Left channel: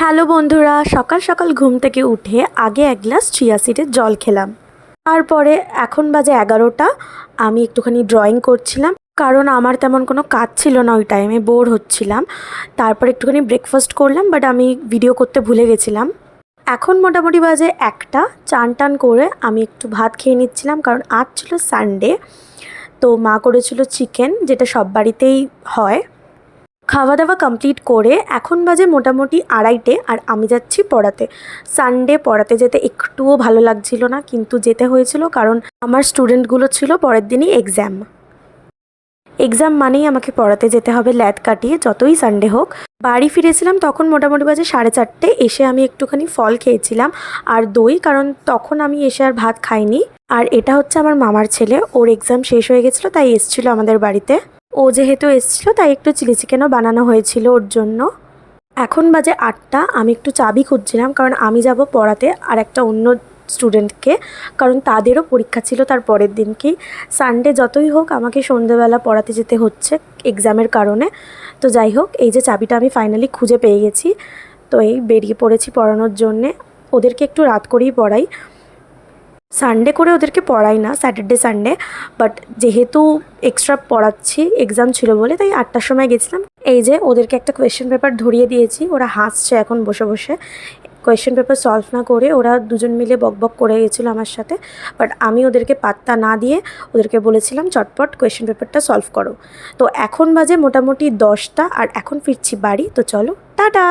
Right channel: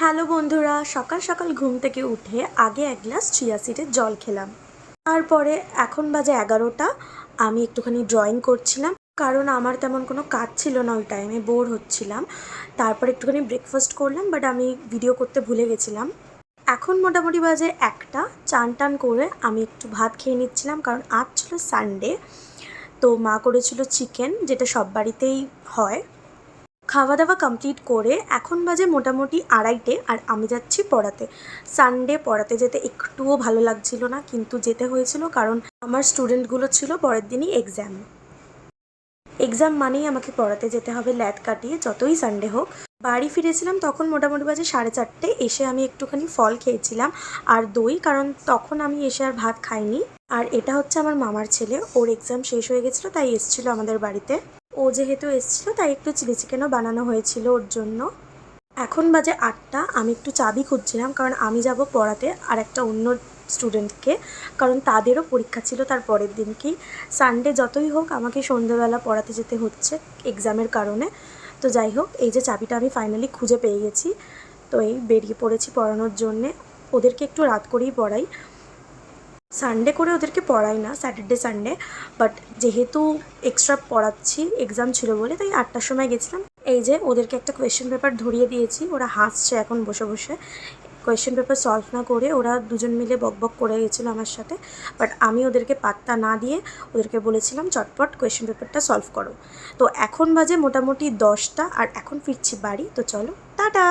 Hello বন্ধুরা, সকাল সকাল ঘুম থেকে উঠে আগে এক গ্লাস চিয়া সিডের জল খেলাম। তারপরে এখন বাজে 11টা। আমি একটুখানি ড্রয়িং করছিলাম, কারণ আমার তেমন কোনো কাজ ছিল না, ওই টাইমে বোর হচ্ছিলাম। তারপর একটুখানি ব্রেকফাস্ট করলাম, বাট আমি ভিডিও করতে ভুলে গেছিলাম। এখন মোটামুটি বাজে 1টা। চান টান করে আমি একটু ভাত খেয়ে নিচ্ছিলাম, কারণ আজ ছিল সানডে। তো মা করেছিল চিকেন, যেটা সব বাড়িতেই হয়। খাওয়া দাওয়া কমপ্লিট করে এখন বাজে মোটামুটি 2:30, আর আমি যাচ্ছি পড়াতে। সানডে পড়াতে যেতে একটুও ভালো লাগছিল না, কিন্তু যেতে হয়েছিল কারণ আমার স্টুডেন্টগুলো ছিল পরের দিনই এক্সাম। এক্সাম মানেই আমাকে পড়াতে যেতে হবে ল্যাদ কাটিয়ে, যতই সানডে হোক। বাড়ি ফিরেছিলাম তখন মোটামুটি বাজে 4:30। এসে আমি একটুখানি ফল খেয়েছিলাম আর দই, কারণ তখন আমি এসে আর ভাত খাইনি। আর এটা হচ্ছে আমার মামার ছেলে, ওর এক্সাম শেষ হয়ে গেছিলো, তাই এসেছিলো আমাদের বাড়িতে। ও যেহেতু এসেছিলো তাই একটু চিলি চিকেনও বানানো হয়েছিল ওর জন্য। এখন বাজে 8টা। আমি একটু চাবি খুঁজছিলাম, কারণ আমি যাব পড়াতে আর একটা অন্য স্টুডেন্টকে, কারণ তাদেরও পরীক্ষা ছিল তার পরের দিনকেই। সানডে যতই হোক আমাকে সন্ধ্যেবেলা পড়াতে যেতে হচ্ছে এক্সামের কারণে। তো যাই হোক, এই যে চাবিটা আমি ফাইনালি খুঁজে পেয়ে গেছি। তো এই বেরিয়ে পড়েছি পড়ানোর জন্যে। ওদেরকে একটু রাত করেই পড়াই, সানডে করে ওদেরকে পড়াই না, স্যাটারডে সানডে। বাট যেহেতু এক্সট্রা পড়াচ্ছি, এক্সাম ছিল বলে, তাই 8টার সময় গেছিলাম। এই যে ওদেরকে একটা কোয়েশ্চেন পেপার ধরিয়ে দিয়েছি, ওরা হাসছে এখন বসে বসে। কোয়েশ্চেন পেপার সলভ না করে ওরা দুজন মিলে বকবক করে গেছিলো আমার সাথে। বাট আমি ওদেরকে পাত্তা না দিয়ে ওদেরকে বলেছিলাম চটপট কোয়েশ্চেন পেপারটা সলভ করো। তো এখন বাজে মোটামুটি 10টা, আর এখন ফিরছি বাড়ি। তো চলো, টাটা।